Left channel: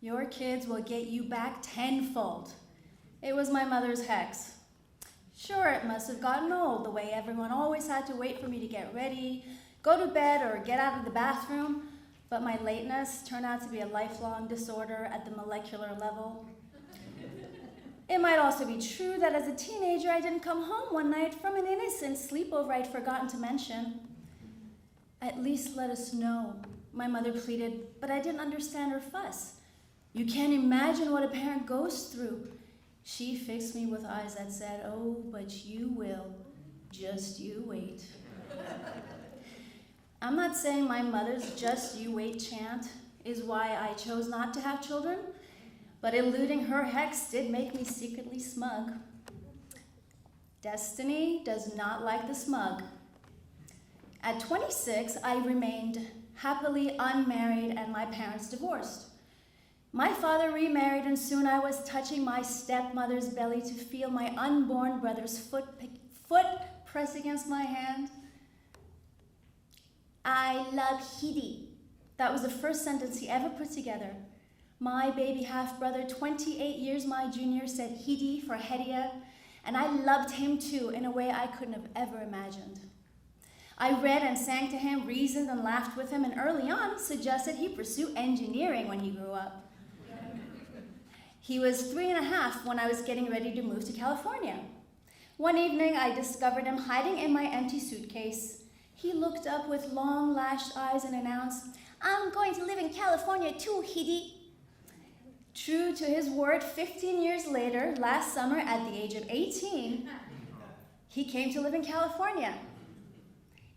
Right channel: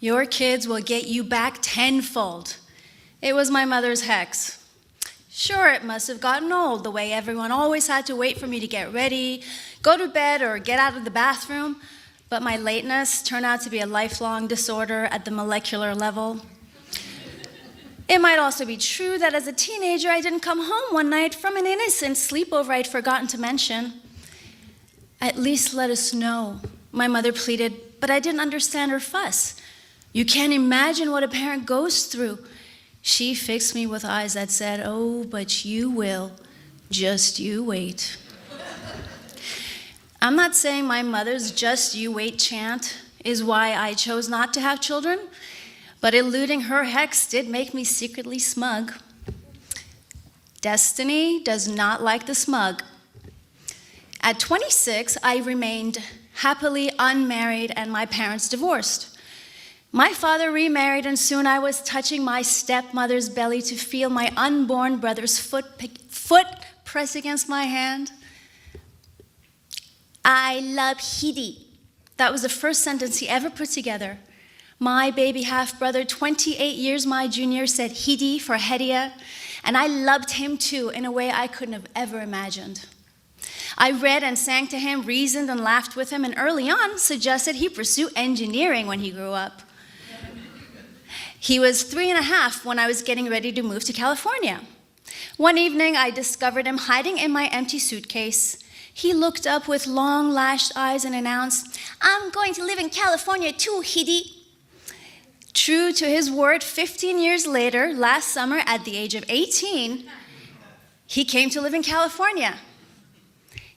Your kids will get you back tenfold. It was my mother's hex. Sure, it must have gotten old, the way everyone always had to wait for me to get ready, go to bed, or get out of the bathroom, but my lateness turned out to be a lifelong disorder at the molecular level. It might also be true that as a teenager, I didn't come home one night from an innocent sleepover I'd forgotten to mention. At least let us know, my mother pleaded, but I didn't understand her fuss. You can't imagine what a parent goes through. She fixed me with eyes that said, "Oh, but you will. Just you wait." I'm not saying my mother's "just you wait" chant is why I chose not to have children, but eluding her hex did make me secretly smug. Destiny does not like the smug. At 26, I remained happily unmarried and my parents divorced. My father remarried, and soon I was touching my stepmother's belly to feel my unborn brother's foot press against my hand. "I love Hedia." That was the first sentence he ever put together. My baby half-brother, 28 years my junior, said Hedia for Hedia, and I loved him too in a way I couldn't have ever imagined. I read and sang to him, reasoned and laughed with him, and early on suggested he pursue engineering when he grew up. He was 3.5 when I was getting ready to move to California. One evening, I discovered him hiding in my empty suitcase. He looked up with long lashed eyes and announced, "I'm going to live in California too, Hedia." True to his word, 15 years later, last summer at the age of 18, he came to live in California.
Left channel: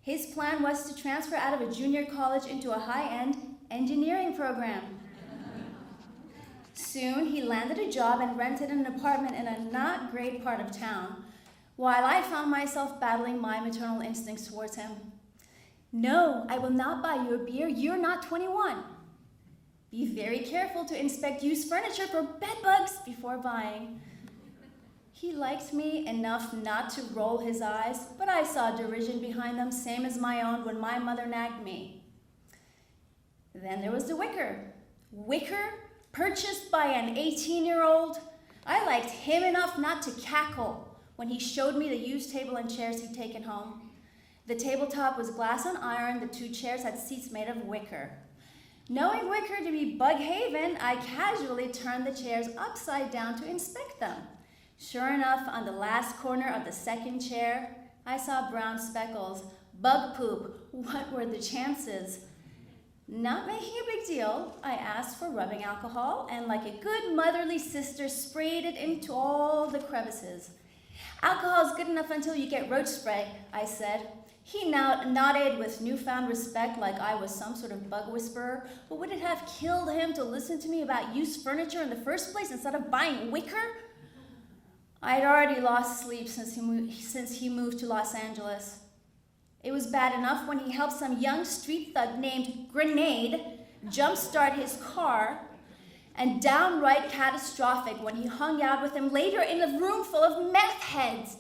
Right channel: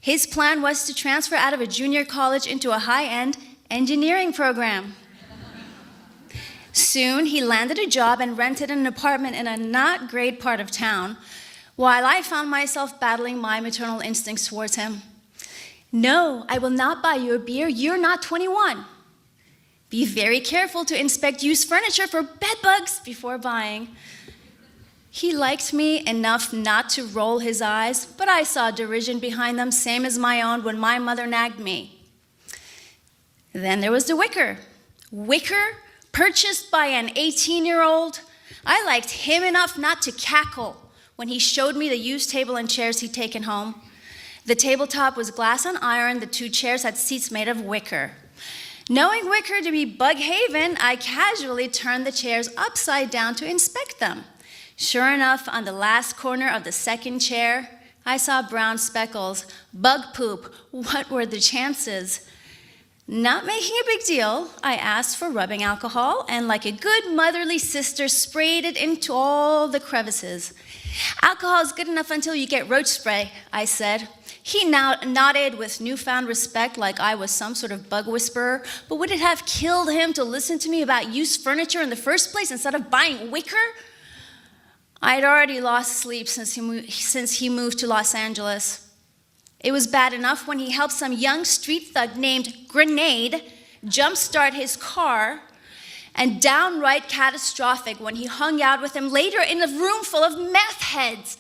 His plan was to transfer out of a junior college into a high-end engineering program. Soon, he landed a job and rented an apartment in a not great part of town, while I found myself battling my maternal instincts towards him. "No, I will not buy you a beer. You're not 21. Be very careful to inspect used furniture for bed bugs before buying." He liked me enough not to roll his eyes, but I saw derision behind them, same as my own when my mother nagged me. Then there was the wicker. Wicker, purchased by an 18-year-old. I liked him enough not to cackle when he showed me the used table and chairs he'd taken home. The tabletop was glass and iron. The 2 chairs had seats made of wicker. Knowing wicker to be bug haven, I casually turned the chairs upside down to inspect them. Sure enough, on the last corner of the second chair, I saw brown speckles. Bug poop. What were the chances? Not making a big deal, I asked for rubbing alcohol and, like a good motherly sister, sprayed it into all the crevices. "Alcohol is good enough until you get roach spray," I said. He now nodded with newfound respect like I was some sort of bug whisperer, but would it have killed him to listen to me about used furniture in the first place instead of buying wicker? I had already lost sleep since he moved to Los Angeles. It was bad enough when he helped some young street thug named Grenade jumpstart his car, and downright catastrophic when he hung out with him later in a room full of meth heads.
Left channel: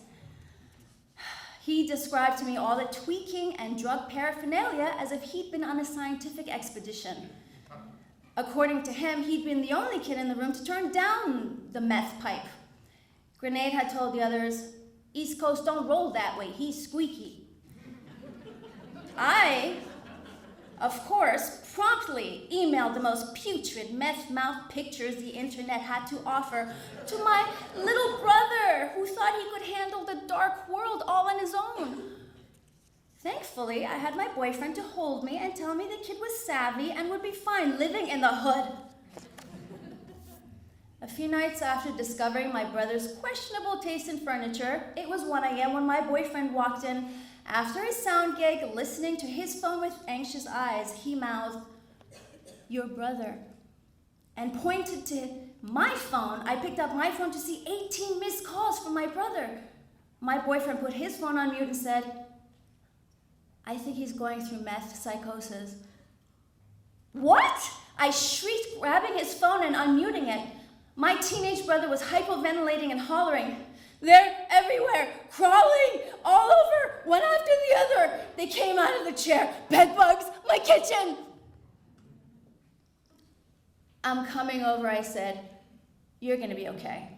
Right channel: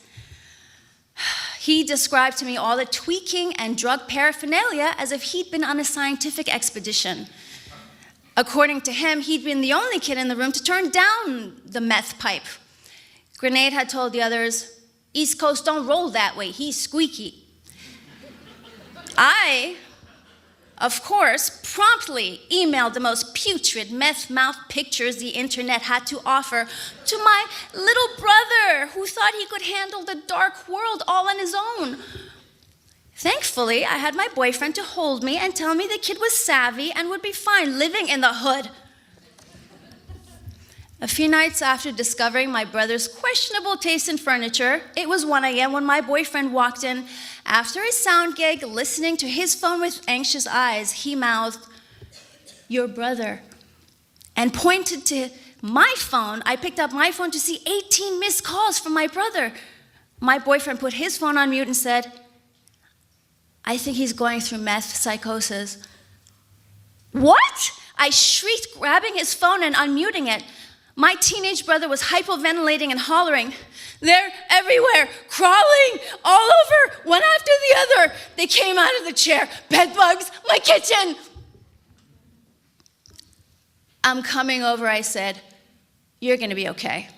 He described to me all the tweaking and drug paraphernalia as if he'd been on a scientific expedition. According to him, he'd been the only kid in the room to turn down the meth pipe. Grenade had told the others, "East Coast don't roll that way, he's squeaky." I, of course, promptly emailed the most putrid meth-mouth pictures the internet had to offer to my little brother, who thought he could handle the dark world all on his own. Thankfully, I had my boyfriend to hold me and tell me the kid was savvy and would be fine living in the hood. A few nights after discovering my brother's questionable taste in furniture, it was 1 a.m. when my boyfriend walked in. After his sound gig, listening to his phone with anxious eyes, he mouthed, "Your brother," and pointed to my phone. I picked up my phone to see 18 missed calls from my brother. My boyfriend put his phone on mute and said, "I think he's going through meth psychosis." "What?" I shrieked, grabbing his phone and unmuting it. My teenage brother was hypoventilating and hollering. "They're everywhere, crawling all over, one after the other. They came out of the chair. Bed bugs, my kitchen." "I'm coming over," I said. "You're gonna be okay."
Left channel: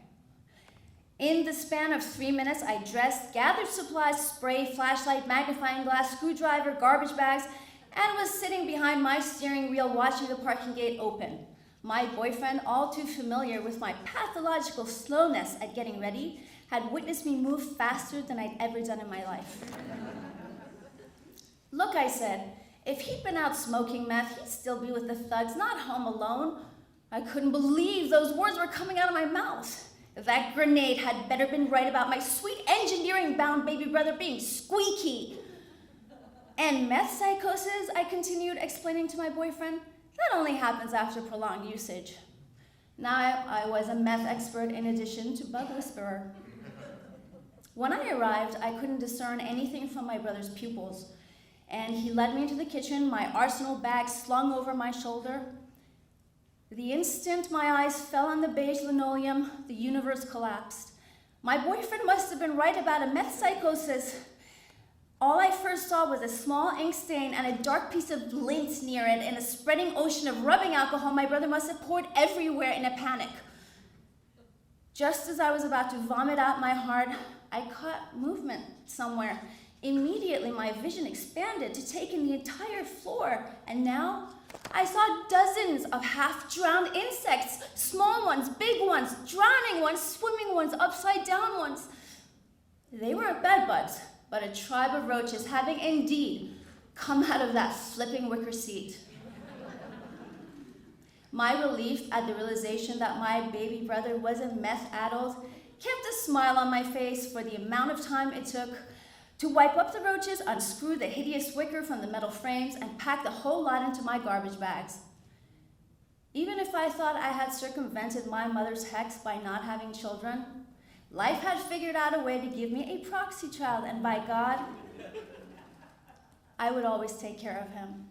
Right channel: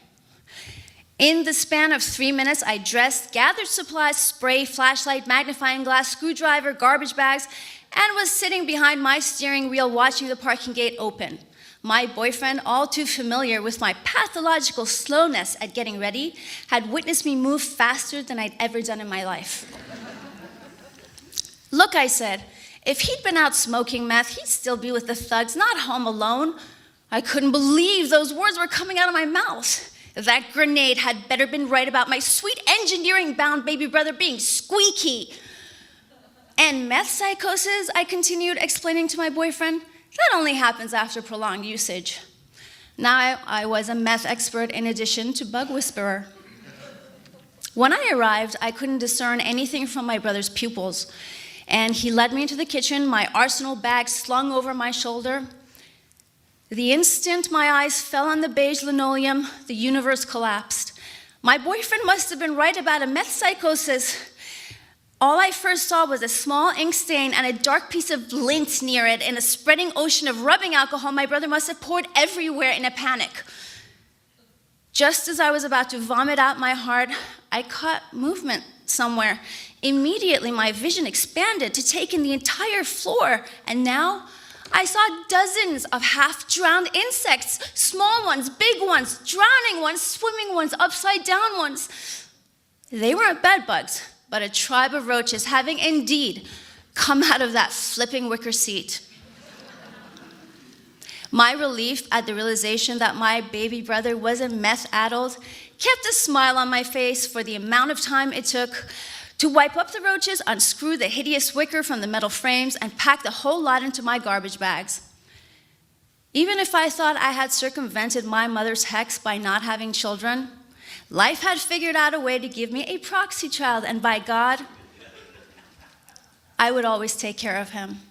In the span of 3 minutes, I dressed, gathered supplies, spray, flashlight, magnifying glass, screwdriver, garbage bags, and was sitting behind my steering wheel watching the parking gate open. My boyfriend, all too familiar with my pathological slowness at getting ready, had witnessed me move faster than I'd ever done in my life. "Look," I said, "if he'd been out smoking meth, he'd still be with the thugs, not home alone." I couldn't believe those words were coming out of my mouth. That grenade had better been right about my sweet engineering-bound baby brother being squeaky. "And meth psychosis," I continued, explaining to my boyfriend, "that only happens after prolonged usage." Now I was a meth expert in addition to bug whisperer. When I arrived, I couldn't discern anything from my brother's pupils, and he led me into the kitchen, my arsenal bag slung over my shoulder. The instant my eyes fell on the beige linoleum, the universe collapsed. My boyfriend must have been right about a meth psychosis. All I first saw was a small ink stain and a dark piece of lint near it. In a spreading ocean of rubbing alcohol my brother must have poured everywhere in a panic. Just as I was about to vomit out my heart, I caught movement somewhere. Immediately, my vision expanded to take in the entire floor, and now I saw dozens of half-drowned insects, small ones, big ones, drowning ones, swimming ones, upside-down ones. They weren't bed bugs, but a tribe of roaches having indeed come out of that flipping wicker seat. My relief at the realization that my baby brother was a meth addict kept a smile on my face for the amount of time it took to wipe up the roaches, unscrew the hideous wicker from the metal frames, and pack the whole lot into my garbage bags. Even if I thought I had circumvented my mother's hex by not having children, life had figured out a way to give me a proxy child, and by God, I would always take care of him.